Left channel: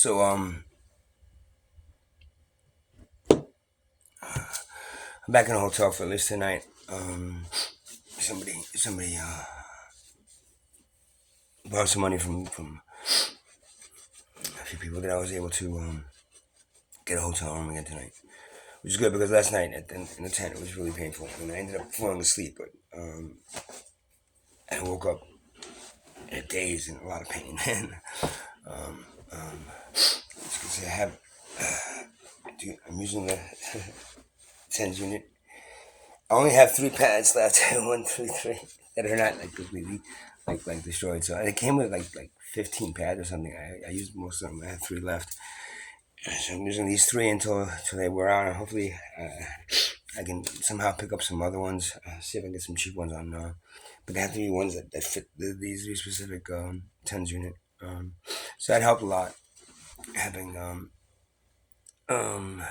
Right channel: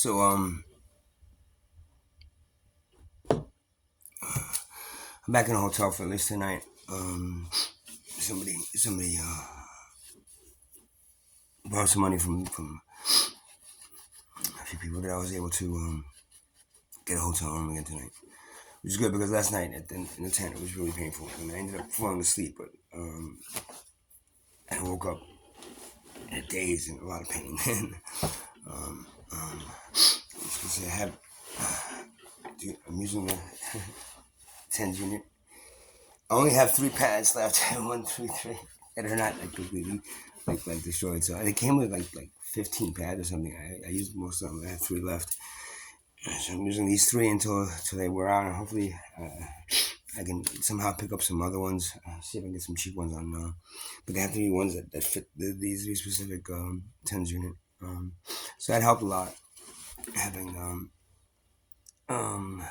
So I'm back in the hotel for this tonight. Somebody borrowed some money from a few people that I was able to get a hotel room again tonight, which is good because last night in the tent it was really painful and I ended up falling asleep, but I woke up in a daze and a lot of pain. And as you can see, I'm using the tens unit. I only have 3 pads left. One, two, three that are not like completely like destroyed. So it came with like 15 pads or something. I used most of them. I had 3 left. So I'm using these 3 until they wear out. And hopefully, I can somehow pick up some other ones. See if I can get some cheap ones on. But they have to be ones that fit these specific tens unit. So that helped a lot having um,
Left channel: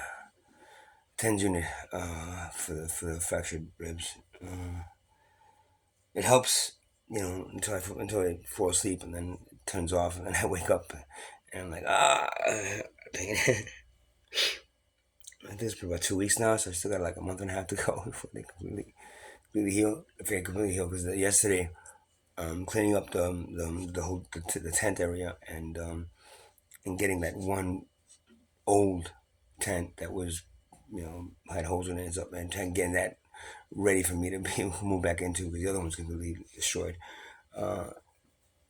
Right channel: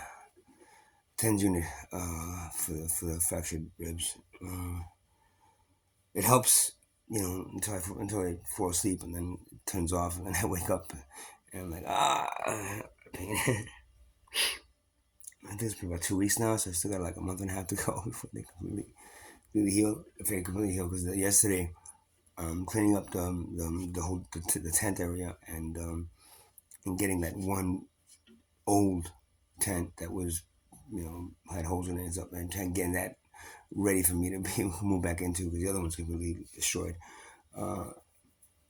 tens unit for the fractured ribs. It helps, until I fall asleep and then it turns off and then I wake up and I'm like pain. I think it's been about 2 weeks now, so I still got like a month and a half to go before they completely heal. If they completely heal, because yesterday, cleaning up the tent area and getting that one old tent that was had holes in it up and getting that ready for me to be able to move back into because the other one's completely destroyed. Uh,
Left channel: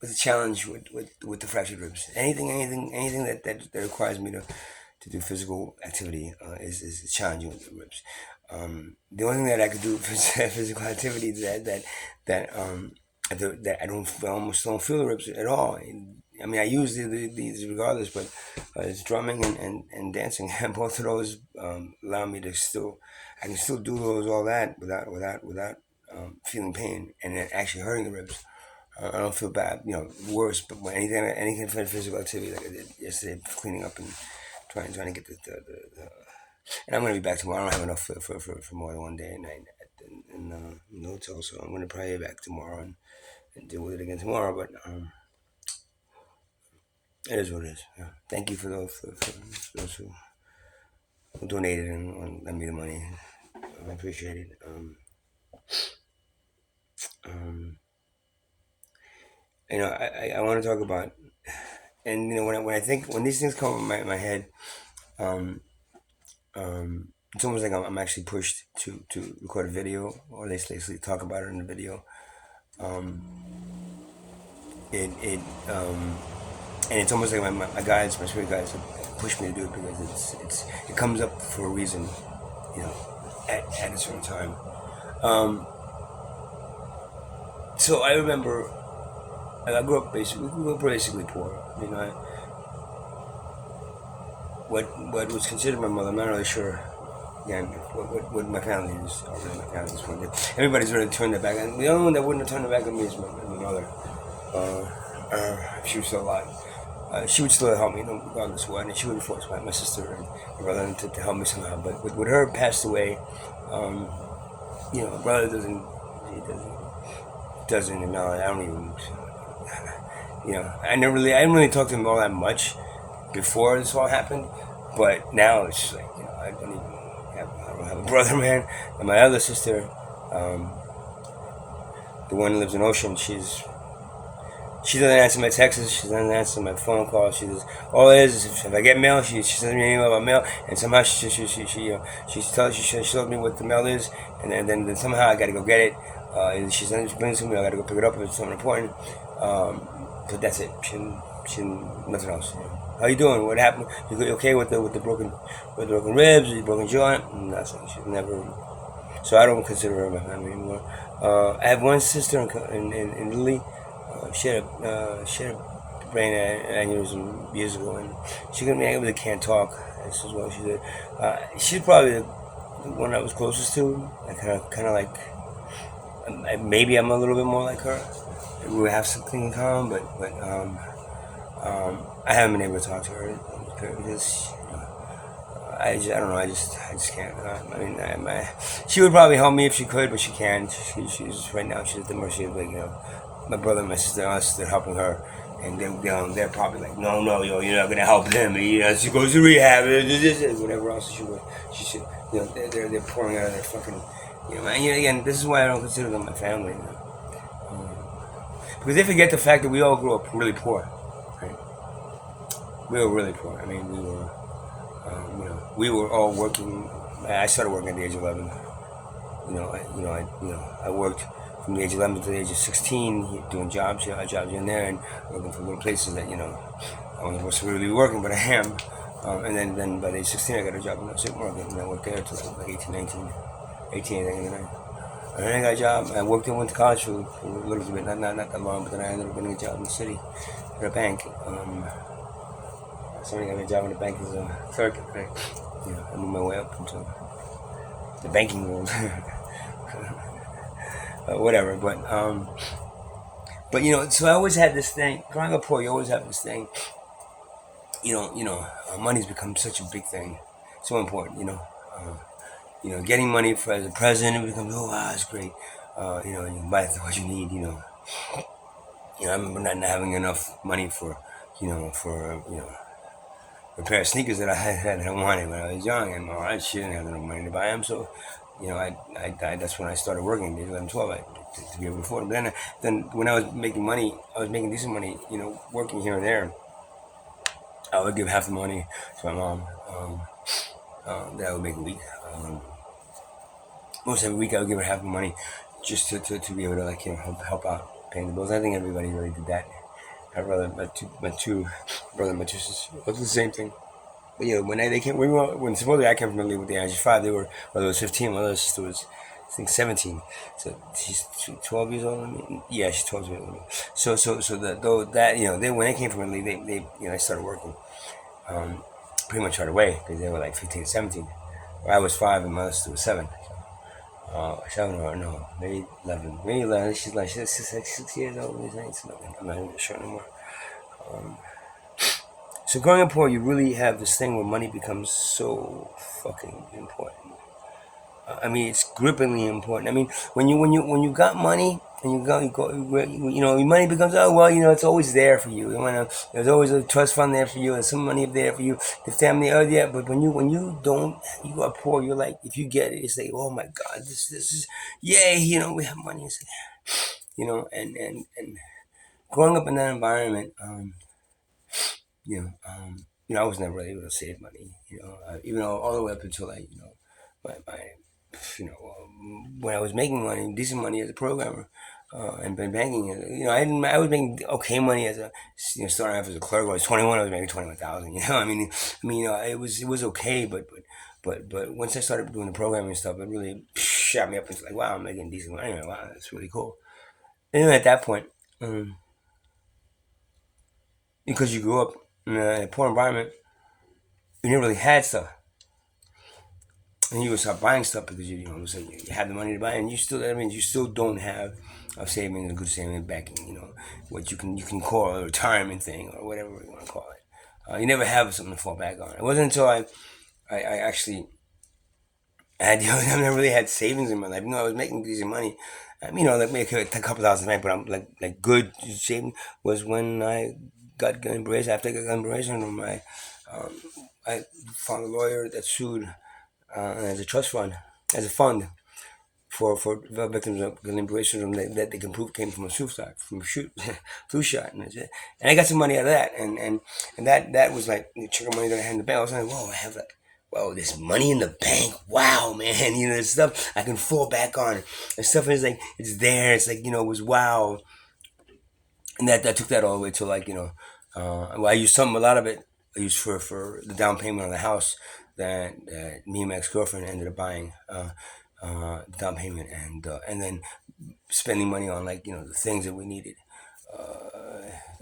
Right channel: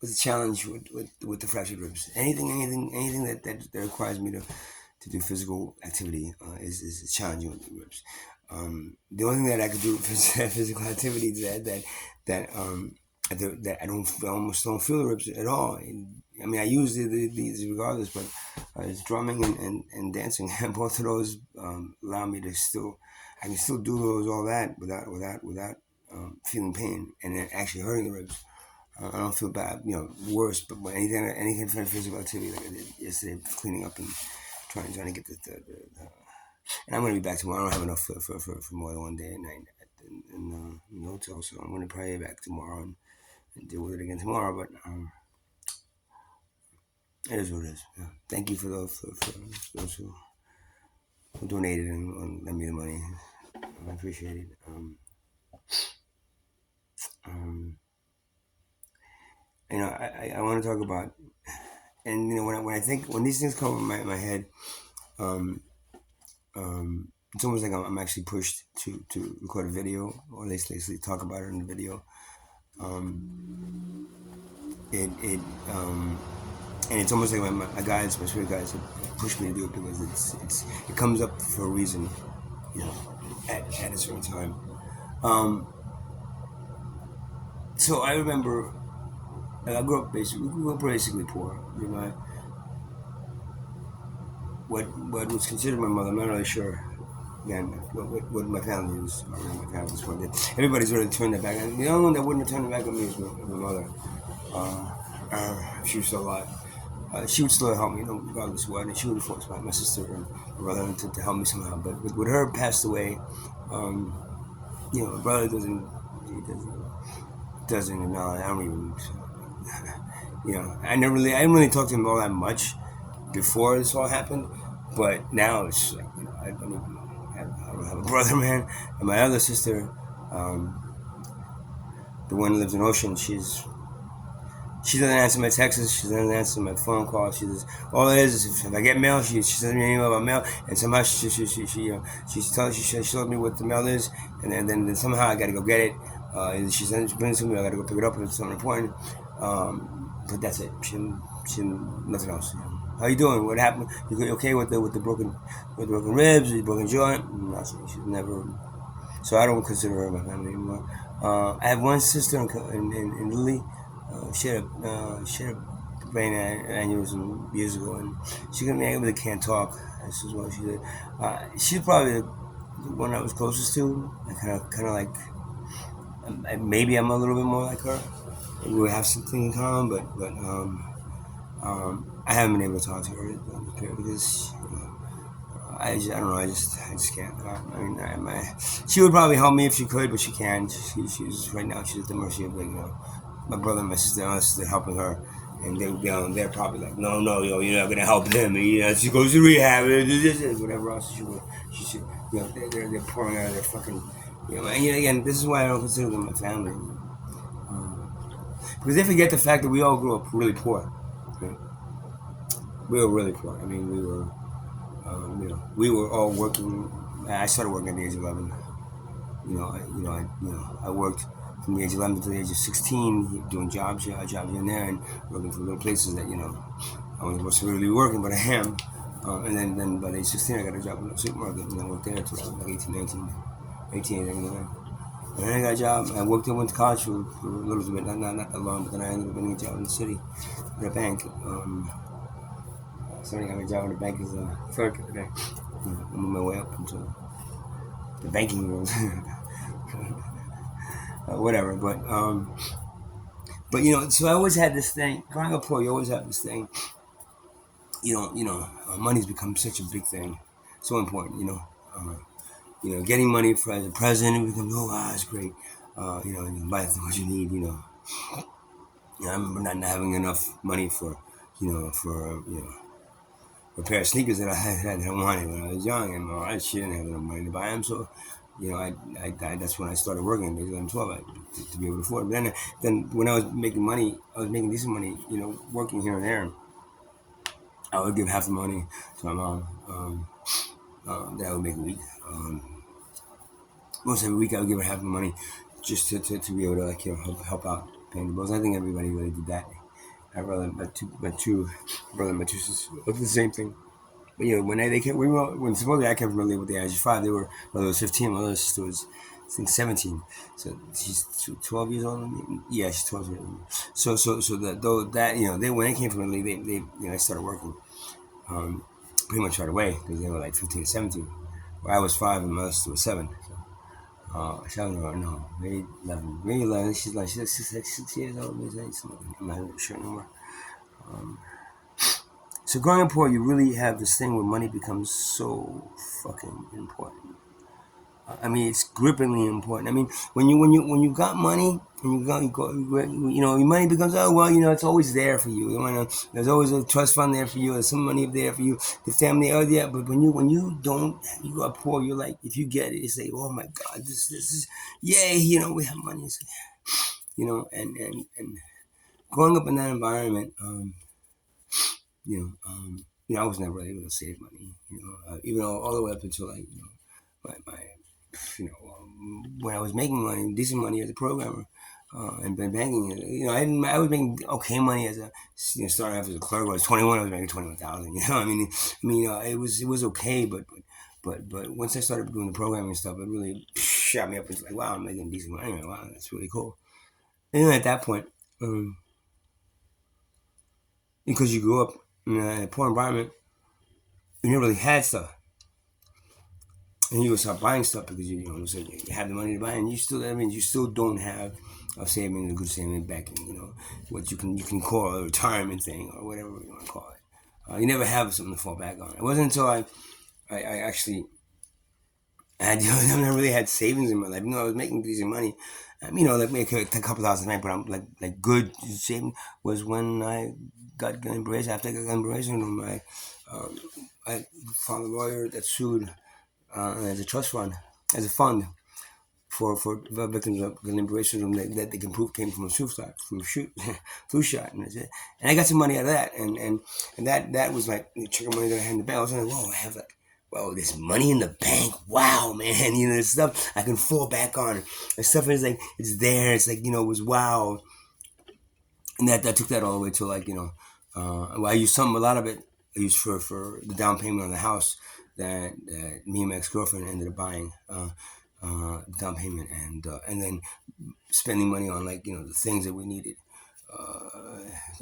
it's a challenge with the fractured ribs. Anything that requires me to do physical activity is challenging with the ribs. The only thing that I could do for physical activity is that I almost don't feel the ribs at all. I mean, I use these regardless, but it's drumming and dancing. And both of those allow me to I can still do all that without feeling pain and then actually hurting the ribs. I don't feel bad, worse. But when anything for physical activity, like I did yesterday, cleaning up and trying to get the and I'm gonna be back tomorrow. I don't have enough for more than one day and night in the hotel, so I'm gonna probably be back tomorrow and deal with it again tomorrow. But it is what it is. Yeah. Thank you for those who donated and lent me the money. I appreciate it. Um, I want to talk about, and when these things come in my head, it's almost like I'm actually pushed to record a video or at least talk about it in the video. It and it's almost like my guides, my spirit guides, have pushed me to do it because it comes up for a reason, you know, at a certain time. So I remember I grew up basically poor. What was considered my mother. I'm not really sure. Again, what my family is, or really my family at this point. Everybody's really turned their back. And the only one that wouldn't have turned their back on me is my mother. If she was still alive. She would still help me, regardless of what, and she would force my sister and my brother to help me somehow. But with her passed away, my brother doesn't acknowledge. I don't even, I didn't really talk to him all that much before this all happened, but now it's just like, I don't have a brother, man, and my other sister, the one who lives in Ocean, she doesn't answer my texts. She doesn't answer my phone calls. She does. All it is if I get mail, she sends me an email about mail, and somehow she shows me what the mail is, and then somehow I got to go get it. She brings it to me. I got to go pick it up if it's something important. But that's it. She nothing else. How you doing? What happened? You okay with the broken ribs? Or the broken jaw? Nothing. She's never. So I don't consider her my family anymore. I have one sister in Italy. She had a brain aneurysm years ago, and she really can't talk. This is what she did. She's probably the one I was closest to. I kind of like. Maybe I'm a little bit more like her. We have something in common, but I haven't been able to talk to her because I don't know. I just can't. She would probably help me if she could, but she can't. She's right now. She's at the mercy of my brother and my sister and us. They're helping her, and they're probably like, no, no, yo, you're not gonna help him. You know, she goes to rehab, whatever else she should, you know, they're pouring out of their fucking, you know, man. You know, again, this is why I don't consider them my family, you know, because they forget the fact that we all grew up really poor, right? We were really poor. I mean, we were all working. I started working at the age of 11. I worked from the age of 11 to the age of 16, doing jobs here, jobs in there, and working for little places that I wasn't supposed to really be working, but I am. And then by the age of 16, I got a job in the supermarket, and I worked there until like 18, 19, 18, 19. And then I got a job. I worked and went to college for a little bit, not that long, but then I ended up getting a job in the city at a bank. Somebody got me a job in the bank as a clerk. Right? I moved my way up into the banking world. Whatever, but so I always had this thing. Growing up poor, you always have this thing. Money's become such a big thing, so important. Getting money for as a president, it becomes, oh wow, it's great. You can buy what you need. I remember not having enough money for a pair of sneakers that I had that I wanted when I was young, and my wife, she didn't have enough money to buy them. So, that's when I started working at 11, 12, to be able to afford them. Then when I was making money, I was making decent money, working here and there. I would give half the money to my mom that I would make a week. Most every week, I would give her half the money just to be able to help out paying the bills. I think everybody really did that. My two sisters, both the same thing. But when they came, when supposedly I came from Italy with the age of 5, they were, mother was 15, my other sister was, I think, 17. So she's 12 years older than me. Yeah, she's 12 years older than me. So that though that they when they came from Italy, they started working pretty much right away because they were like 15, 17. Where I was 5 and my sister was 7. 7 or no, maybe 11. Maybe 11. She's like 6 years old. I'm not even sure anymore. So growing up poor, you really have this thing where money becomes so fucking important. I mean, it's grippingly important. I mean, when you got money and your money becomes, oh well, it's always there for you. There's always a trust fund there for you, and some money there for you, the family, oh yeah. But when you don't, you go poor, you're like, if you get it, it's like, oh my god, this is, yay, we have money, and growing up in that environment, I was never really able to save money. Even all the way up until my when I was making money, decent money as a programmer, and been banking. I was making okay money as a starting off as a clerk. When I was 21, I was making 21,000. It was okay, but once I started doing the programming stuff, it really shot me up. It's like, wow, I'm making decent money. Wow, that's really cool. And at that point, um, because you grew up in a poor environment, you never really had stuff. And you would start buying stuff because you have the money to buy, and you still don't have a savings, a good saving backing. What you can call a retirement thing or whatever you want to call it. You never have something to fall back on. It wasn't until I actually had I never really had savings in my life. I was making decent money. Like maybe a couple thousand a night, but I'm like good saving was when I got gun embraced. After I got gun embraced, um, I found a lawyer that sued as a trust fund, as a fund for victims of liberation from that they can prove came from a flu shot, and that's it. And I got some money out of that, and that was like the chunk of money that I had in the bank. I was like, whoa, I have like, whoa, this money in the bank. Wow, man, there's stuff I can fall back on. And stuff is like it's there. It's like it was wow, and that took that all the way to well, I used a lot of it. I used for the down payment on the house that me and my ex girlfriend ended up buying. The down payment and then spending money on the things that we needed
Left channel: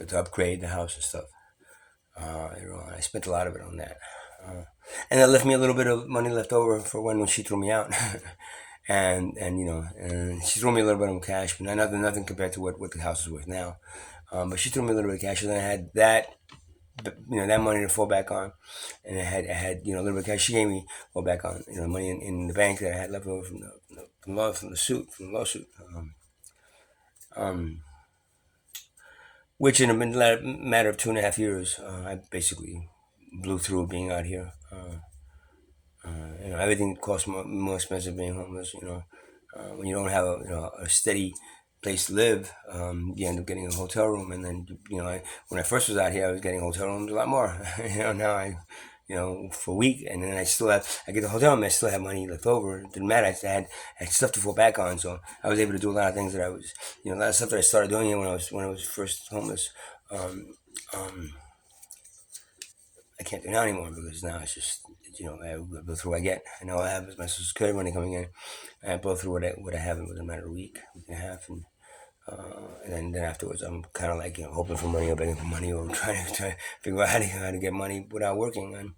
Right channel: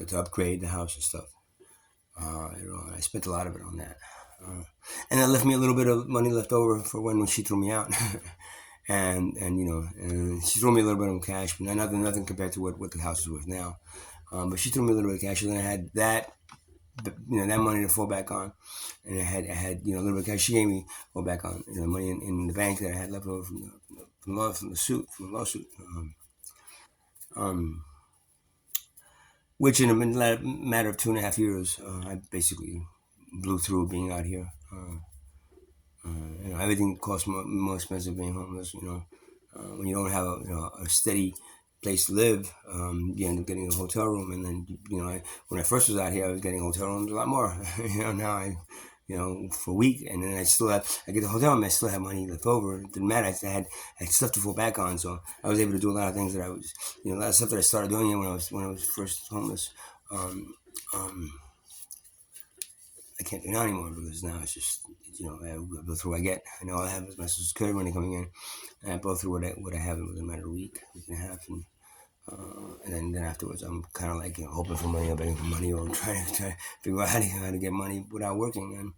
to upgrade the house and stuff. I spent a lot of it on that, and that left me a little bit of money left over for when she threw me out, and she threw me a little bit of cash, but nothing compared to what the house is worth now. But she threw me a little bit of cash, and then I had that money to fall back on, and I had a little bit of cash she gave me fall back on money in the bank that I had left over from the lawsuit. Um, which in a matter of 2.5 years, I basically blew through being out here. Everything costs more expensive being homeless. When you don't have a steady place to live, you end up getting a hotel room, and then when I first was out here, I was getting hotel rooms a lot more. Now for a week, and then I get the hotel room, I still have money left over. It didn't matter. I had stuff to fall back on, so I was able to do a lot of things that a lot of stuff that I started doing when I was first homeless. Um, um, I can't do now anymore because now it's just I go through what I get. I know I have my social security money coming in. And I blow through what I have within a matter of week and a half, and then afterwards I'm kind of like hoping for money or begging for money or trying to figure out how to get money without working. And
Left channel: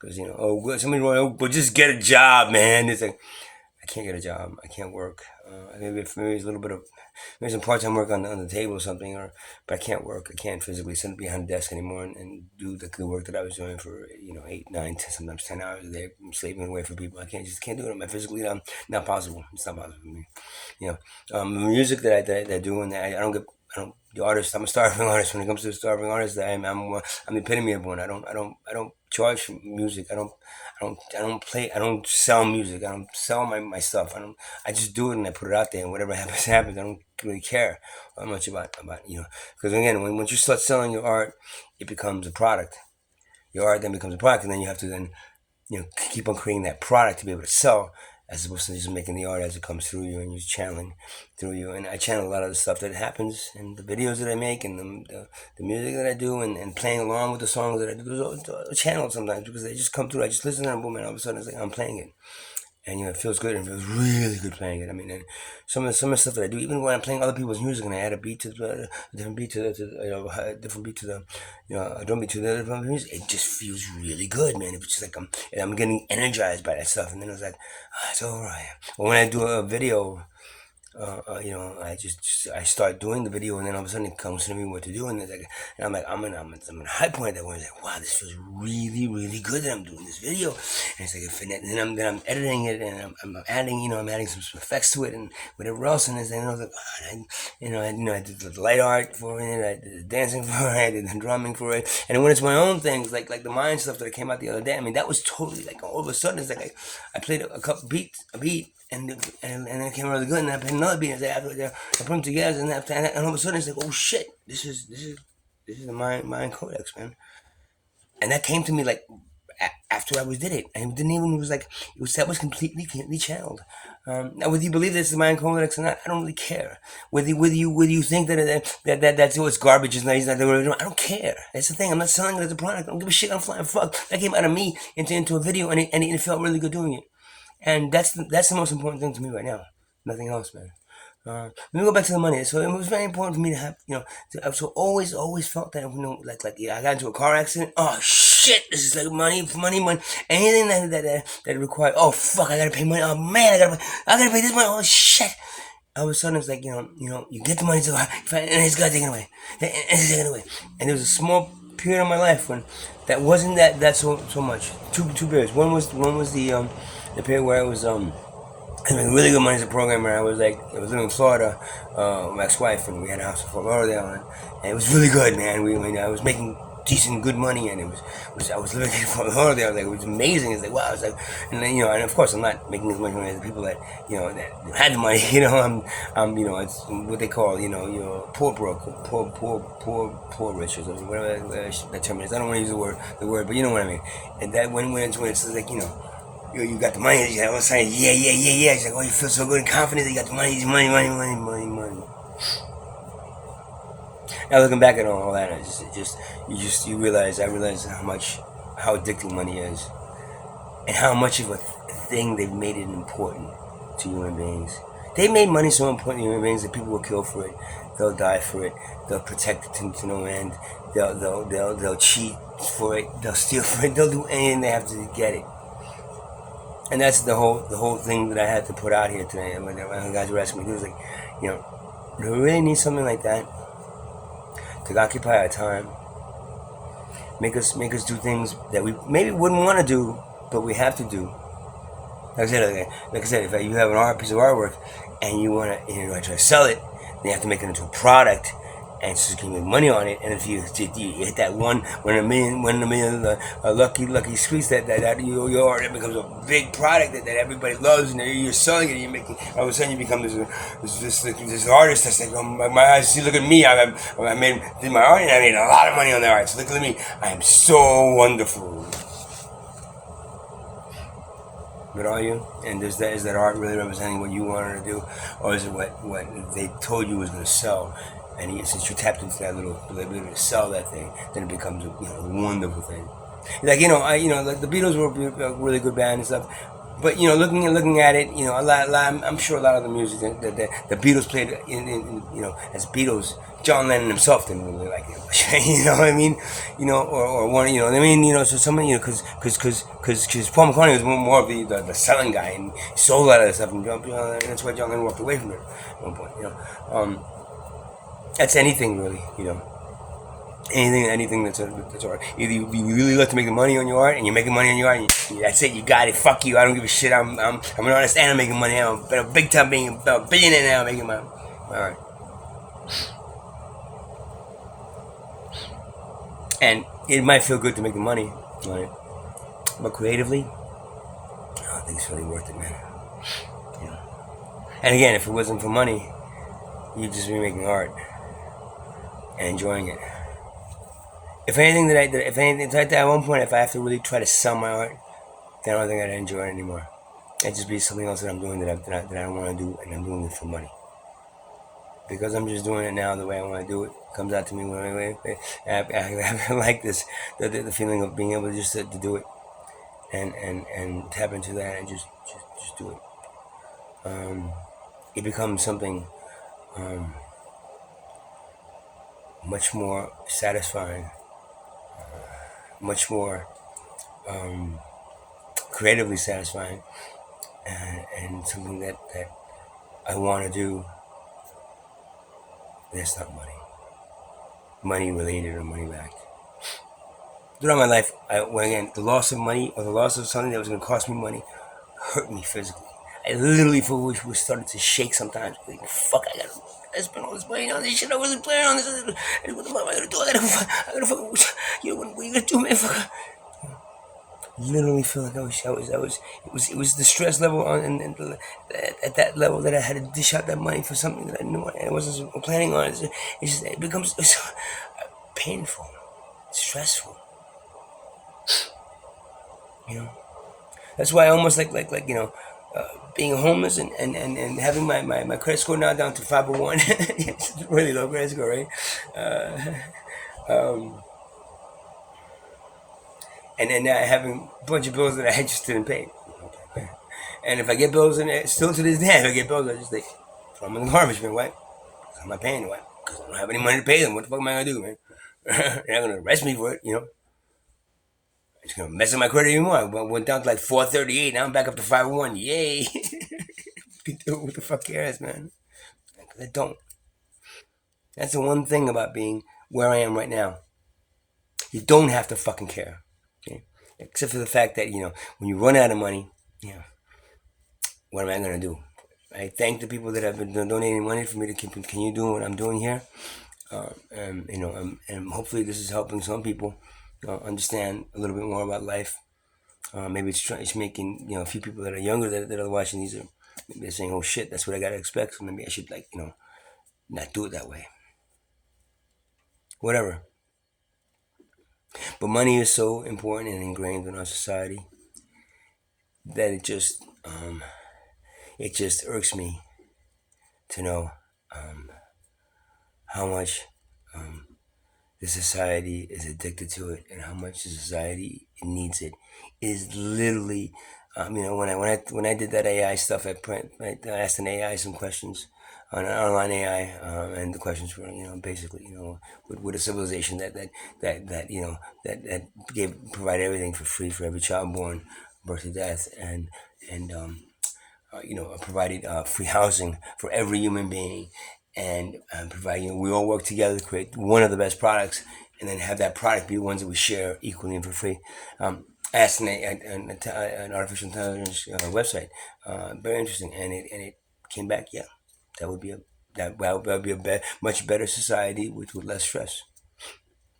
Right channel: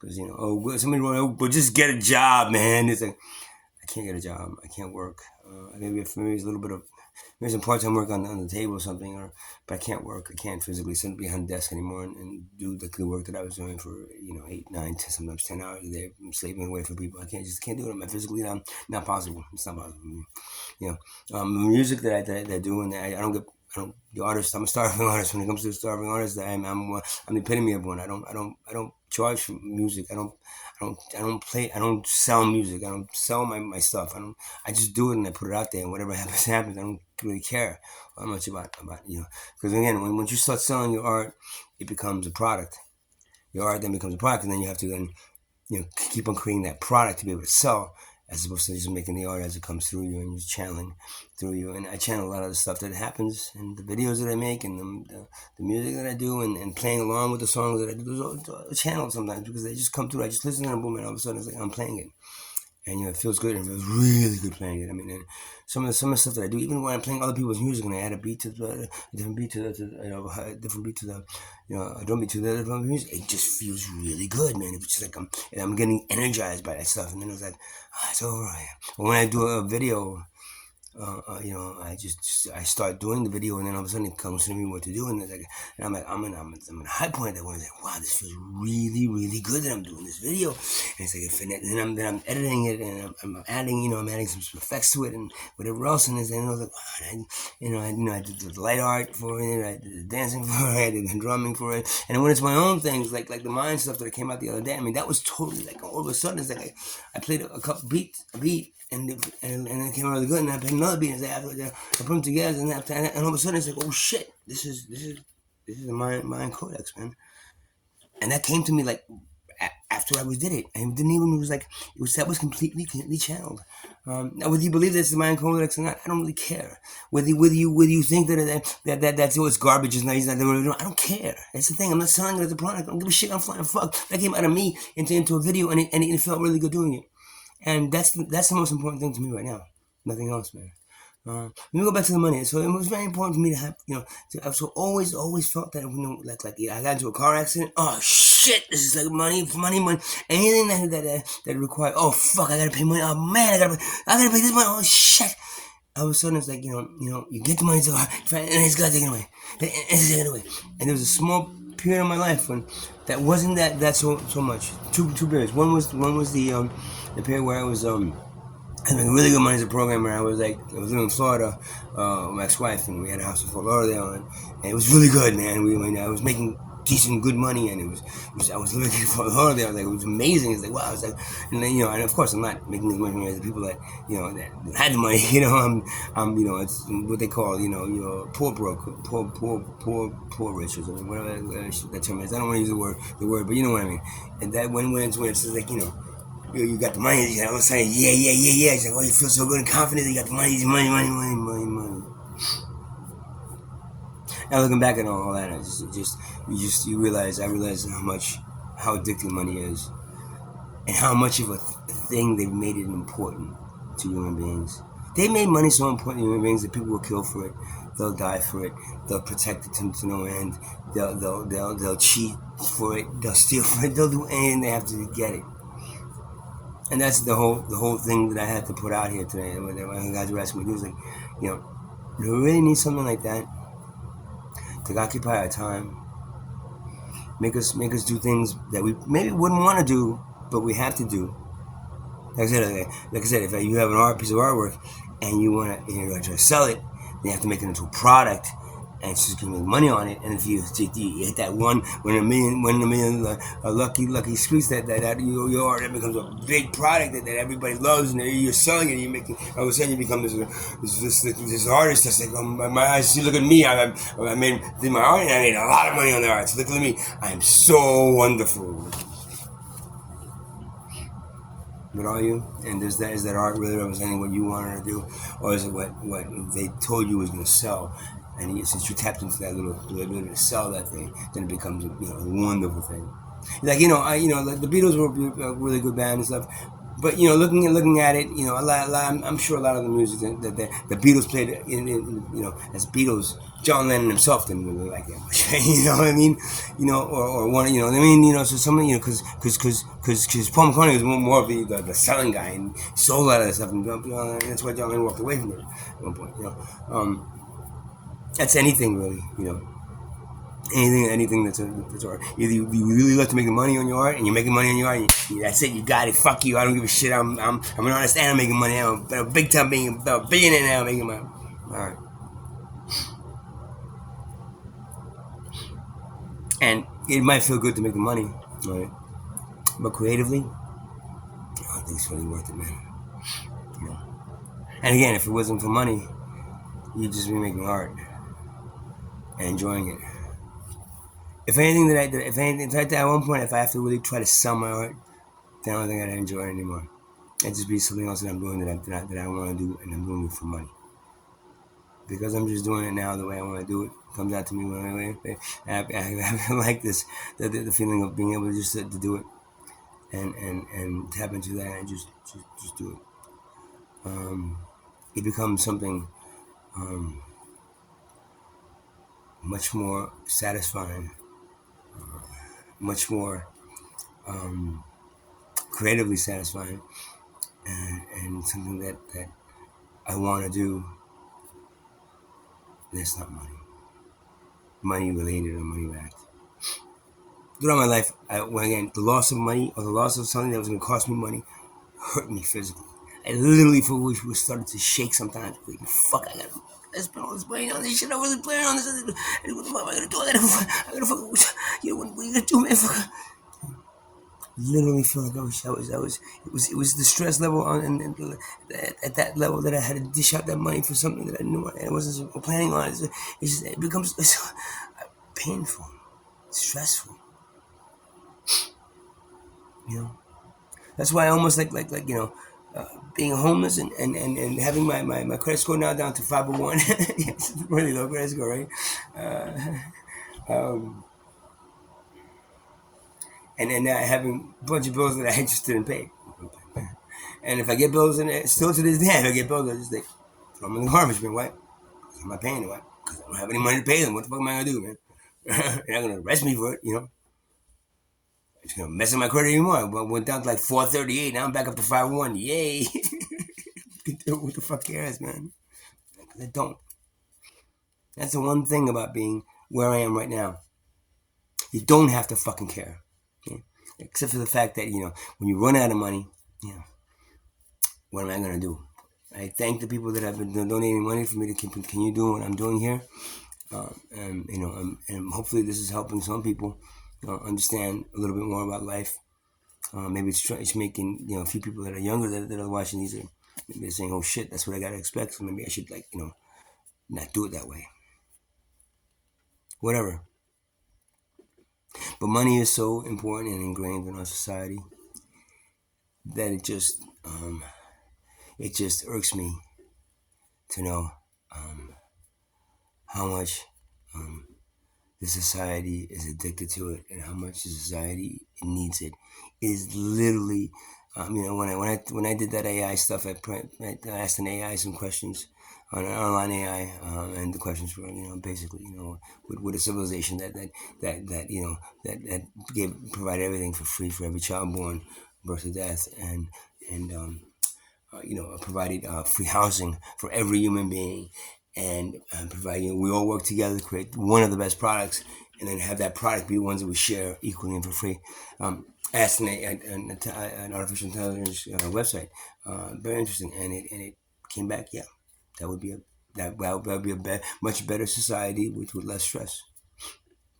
because somebody wrote, oh, but just get a job, man. It's like I can't get a job. I can't work. Maybe it's a little bit of maybe some part-time work on the table or something, but I can't work. I can't physically sit behind a desk anymore and do the good work that I was doing for 8, 9, 10, sometimes 10 hours a day, slaving away for people. I can't do it. Physically, not possible. It's not possible for me. The music that I do, and I don't the artist. I'm a starving artist. When it comes to the starving artist, I'm the epitome of one. I don't charge for music. I don't play. I don't sell music. I don't sell my stuff. I just do it and I put it out there, and whatever happens happens. I don't really care much about. Because again, once you start selling your art, it becomes a product. Your art then becomes a product, and then you have to keep on creating that product to be able to sell, as opposed to just making the art as it comes through you and you channeling through you. And I channel a lot of the stuff that happens in the videos that I make and the music that I do, and playing along with the songs that I do. Those are channeled sometimes because they just come through. I just listen to them, boom, and all of a sudden it's like I'm playing it. And it feels good, and it feels really good playing it. I mean, and some of the stuff that I do, even when I'm playing other people's music, and I add a beat to a different beat a different beat to the a drum beat to the different music, it just feels really good, man. It's just like I'm getting energized by that stuff, and then it was like, it's all right. Or when I do a video, I start doing the video, and then all of a sudden it comes to me what to do, and it's like, and I'm in a high point at that point. It's like, wow, this feels really, really good that I'm doing this video, and it's like, and then I'm editing it, and I'm adding some effects to it, and whatever else, and then I was like, wow, I did the light art for it, I did the dancing for it, I did the drumming for it, and when it's my own things, like the mind stuff that came out the other day, I mean, that was totally like all of a sudden, it's like I played a beat. And then it came out really good, and I played another beat, and I put them together, and all of a sudden it's like, oh shit, this is the mind codex, man. And that came to me like after I did it, and it didn't even that was completely channeled. Now, whether you believe this is the mind codex or not, I don't really care. Whether you think that's what's garbage is not, he's not doing it, I don't care. That's the thing. I'm not selling it as a product. I don't give a shit. I'm flying fuck. That came out of me into a video, and it felt really good doing it. And that's the most important thing to me right now. Nothing else, man. Let me go back to the money. So it was very important for me to have, I've so always felt that, I got into a car accident. Oh shit, this is like money. Anything that required, oh fuck, I gotta pay money. Oh man, I gotta pay this money. Oh shit. All of a sudden it's like, you get the money and it's got taken away. And it's taken away. And there was a small period of my life when that wasn't that so much. Two periods. One was the period where I was making really good money as a programmer. I was living in Florida with my ex-wife, and we had a house in Fort Lauderdale, and it was really good, man. I was making decent, good money, and I was living in Fort Lauderdale. Like, it was amazing. It's like, wow. It's like, and then and of course I'm not making as much money as the people that that had the money. I'm it's what they call poor broke, poor rich, or something, whatever that term is. I don't want to use the word, but you know what I mean. And that when it's like you got the money, all of a sudden, yeah. It's like, oh, you feel so good and confident that you got the money. Now looking back at all that, I realize how addicting money is, and how much of a thing they've made it important to human beings. They made money so important to human beings that people will kill for it. They'll die for it. They'll protect it to no end. They'll cheat for it. They'll steal for it. They'll do anything they have to get it. And that's the whole thing that I had to put out here today. When the guys were asking me, it was like, do we really need something like that to occupy our time, make us do things that we maybe wouldn't want to do, but we have to do. Like I said, if you have piece of artwork and you want to try to sell it, then you have to make it into a product, and she's gonna make money on it. And if you hit that one in a million lucky squeeze, that your art, it becomes a big product that everybody loves, and you're selling it. And you're making, all of a sudden you become this artist that's like, oh, my eyes, see, look at me. I made did my art, and I made a lot of money on the art. So look at me, I am so wonderful. But are you? And is that art really representing what you wanted to do, or is it what they told you was going to sell? And since you tapped into that little ability to sell that thing, then it becomes a wonderful thing. Like like the Beatles were a really good band and stuff. But looking at it, I'm sure a lot of the music that the Beatles played as Beatles, John Lennon himself didn't really like it. You know what I mean? Or one, what I mean? So somebody, because Paul McCartney was more of the selling guy and he sold a lot of that stuff, and that's why John Lennon walked away from it at one point. That's anything really. Anything that's art. Either you really love to make money on your art, and you're making money on your art, and that's it. You got it. Fuck you. I don't give a shit. I'm an artist, and I'm making money. I'm a big time being a billionaire now, making my art. And it might feel good to make the money on it, but creatively, I don't think it's really worth it, man. And again, if it wasn't for money, you'd just be making art and enjoying it. If anything, at one point, if I have to really try to sell my art, then I don't think I'd enjoy it anymore. It'd just be something else that I'm doing that I don't want to do, and I'm doing it for money. Because I'm just doing it now the way I want to do it. It comes out to me I like this, the feeling of being able to just to do it, and tap into that and just do it. It becomes something much more satisfying, much more creatively satisfying, and something that I want to do. That's not money related or money backed. Throughout my life, the loss of money or the loss of something that was going to cost me money hurt me physically. I literally was started to shake sometimes. Like, fuck, I spent all this money on this shit. I wasn't planning on this. What the fuck am I gonna do? I gotta fucking, what are you gonna do, man? Fuck. Literally feel like it was the stress level at that level that I had to dish out that money for something that I wasn't planning on. It becomes painful, stressful. That's why I almost like being homeless and having my credit score now down to 501. It's really low credit score, right? And then now having a bunch of bills that I just didn't pay. And if I get bills, and still to this day, if I get bills, I just like throw them in the garbage, man. Why? Because I'm not paying. Why? Because I don't have any money to pay them. What the fuck am I gonna do, man? They're not gonna arrest me for it, It's gonna mess up my credit anymore. I went down to like 438. Now I'm back up to 501. Yay! You can do it with the fuck cares, man. Because I don't. That's the one thing about being where I am right now. You don't have to fucking care. Okay? Except for the fact that, when you run out of money, what am I going to do? I thank the people that have been donating money for me to continue doing what I'm doing here. And hopefully this is helping some people understand a little bit more about life. Maybe it's making, a few people that are younger that are watching these, maybe they're saying, oh shit, that's what I got to expect. So maybe I should, not do it that way. Whatever. But money is so important and ingrained in our society that it just irks me to know how much the society is addicted to it and how much the society needs it. It is literally, when I did that AI stuff at print, I asked an AI some questions on an online AI, and the questions were, basically, with a civilization that provided everything for free for every child born, birth to death, and provided free housing for every human being, and providing, we all work together to create one of the best products, and then have that product be the ones that we share equally and for free. I asked an artificial intelligence website, very interesting, and it came back, yeah, that would be that would be a much better society with less stress.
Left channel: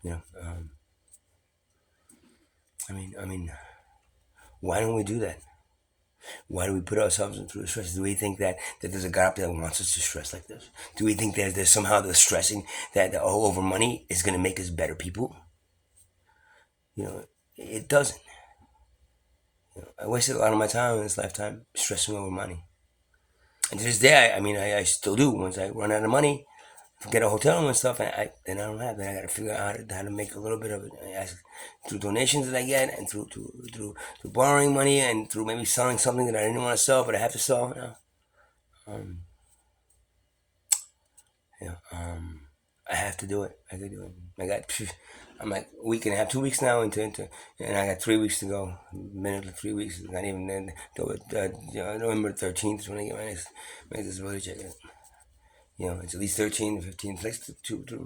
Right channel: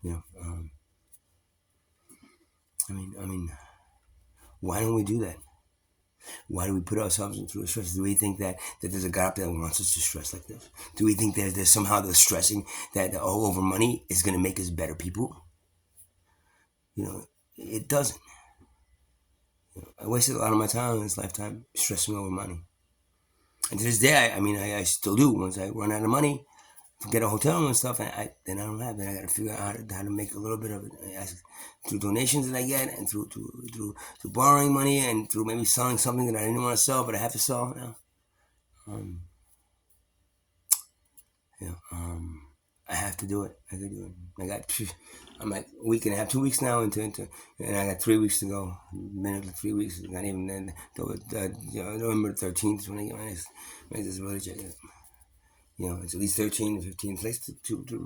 You know, I mean, why don't we do that? Why do we put ourselves through stress? Do we think that there's a God up there that wants us to stress like this? Do we think that there's somehow the stressing that all over money is going to make us better people? You know, it doesn't. I wasted a lot of my time in this lifetime stressing over money. And to this day, I still do. Once I run out of money, get a hotel room and stuff, and then I don't have. Then I got to figure out how to make a little bit of it through donations that I get, and through borrowing money, and through maybe selling something that I didn't want to sell, but I have to sell. Um, I have to do it. I can do it. I'm like a week and a half, 2 weeks now into, and I got 3 weeks to go. Minute to 3 weeks, not even then. November 13th is when I get my disability check. It's at least 13 to 15, it's like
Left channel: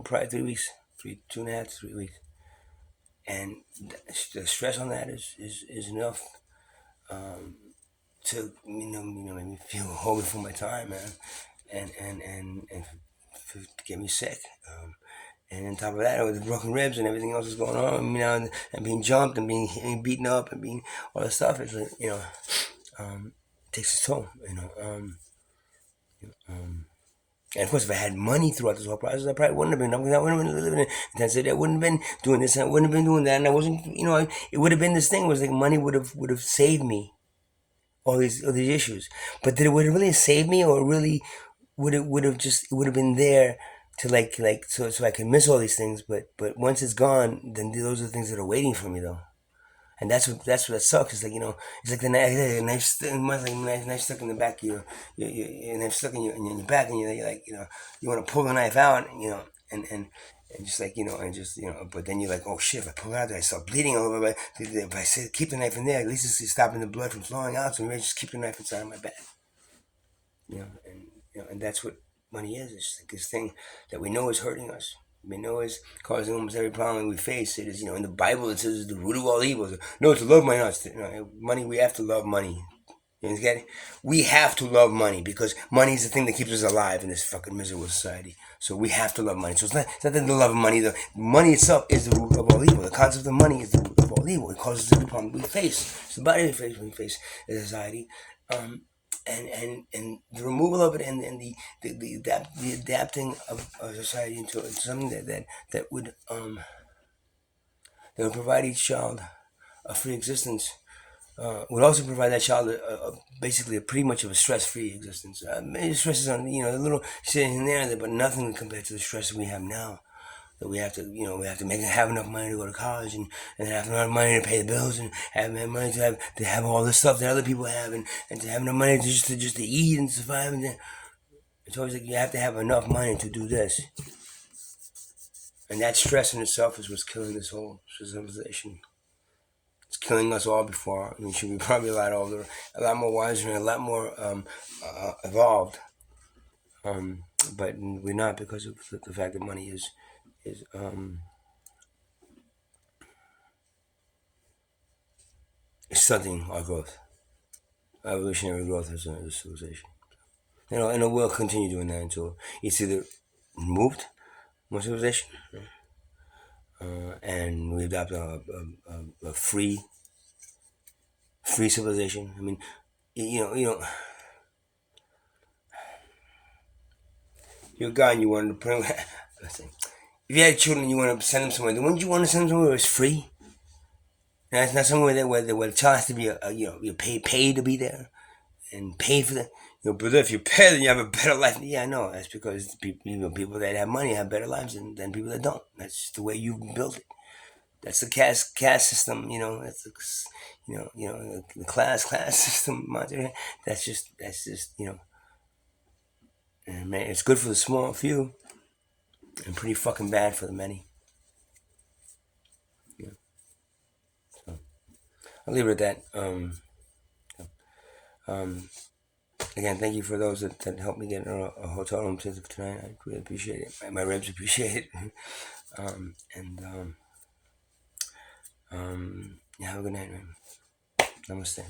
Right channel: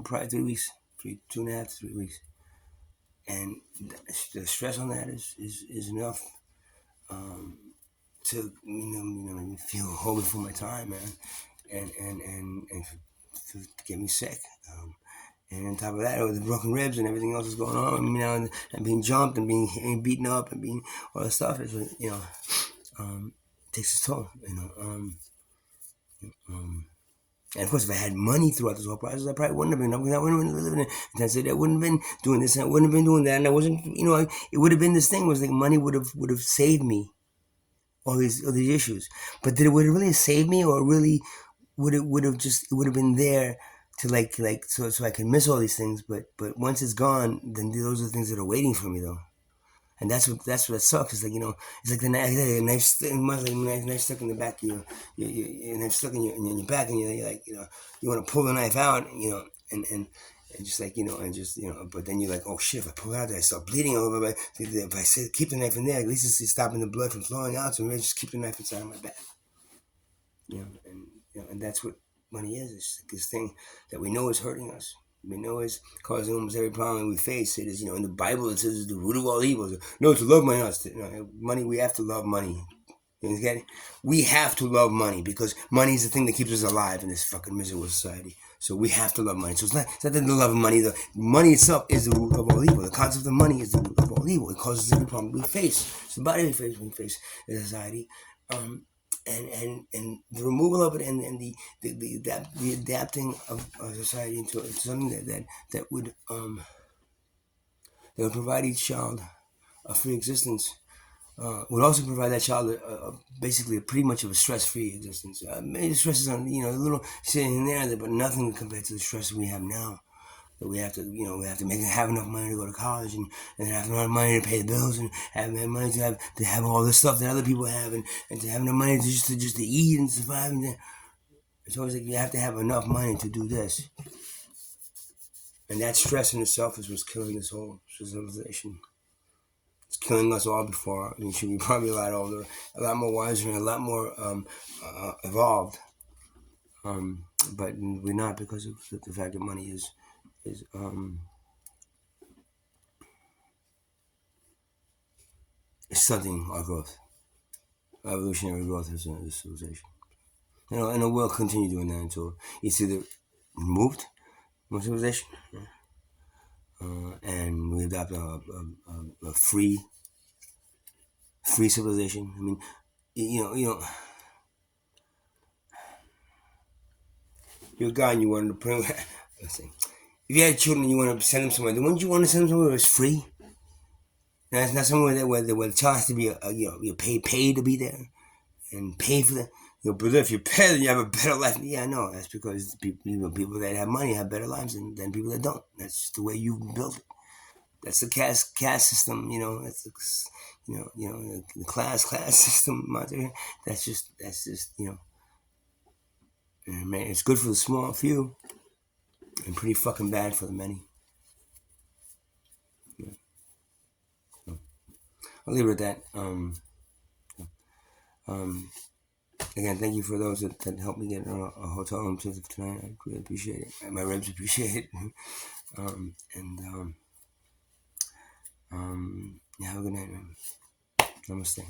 probably 3 weeks, 2.5 to 3 weeks, and the stress on that is enough to make me feel whole before my time, man, and to get me sick. And on top of that, with the broken ribs and everything else that's going on, and being jumped and being beaten up and being all that stuff, it's like it takes its toll. And of course, if I had money throughout this whole process, I probably wouldn't have been. I wouldn't have been living in intensity. I wouldn't have been doing this. And I wouldn't have been doing that. And I wasn't. It would have been this thing. Was like money would have saved me all these issues. But did it would it really save me, or really it would have been there to so I can miss all these things. But once it's gone, then those are the things that are waiting for me though. And that's what sucks. It's like it's like the knife, knife stuck in the back of your knife stuck in your back, and you're like you want to pull the knife out, and just but then you're like, oh shit, if I pull it out, I start bleeding over. But if I say keep the knife in there, at least it's stopping the blood from flowing out. So maybe just keep the knife inside of my back, and that's what money is. It's like this thing that we know is hurting us. We know is causing almost every problem we face. It is, in the Bible it says it's the root of all evil. No, to love money. No, money. We have to love money. You get it? We have to love money because money is the thing that keeps us alive in this fucking miserable society. So we have to love money. So it's not the love of money. The money itself is the root of all evil. The concept of money is the root of all evil. It causes every problem we face. It's the body we face when we face the society. And the removal of it and the adapting of society into something that would provide each child a free existence, would also provide that child basically pretty much of a stress-free existence. Maybe stresses on a little sitting there, but nothing compared to the stress we have now. That we have to, have enough money to go to college, and have enough money to pay the bills, and have enough money to have all the stuff that other people have, and to have enough money to eat and survive. And it's always like you have to have enough money to do this, and that stress in itself is what's killing this whole civilization. It's killing us all before. We should be probably a lot older, a lot more wiser, and a lot more evolved. But we're not because of the fact that money is stunting our growth, evolutionary growth as a civilization. And it will continue doing that until it's either removed from civilization, and we adopt a free civilization. I mean, you're a guy and you wanted to put him. Let's see. If you had children and you want to send them somewhere, then wouldn't you want to send them somewhere where it's free? And it's not somewhere where the child has to be you pay to be there and pay for the. But if you pay, then you have a better life. Yeah, I know. That's because people that have money have better lives than people that don't. That's just the way you built it. That's the caste system. That's the class system. That's just And man, it's good for the small few, and pretty fucking bad for the many. So I'll leave it at that. Again, thank you for those that helped me get a hotel room tonight. I really appreciate it. My ribs appreciate it. Yeah, have a good night, man. Namaste.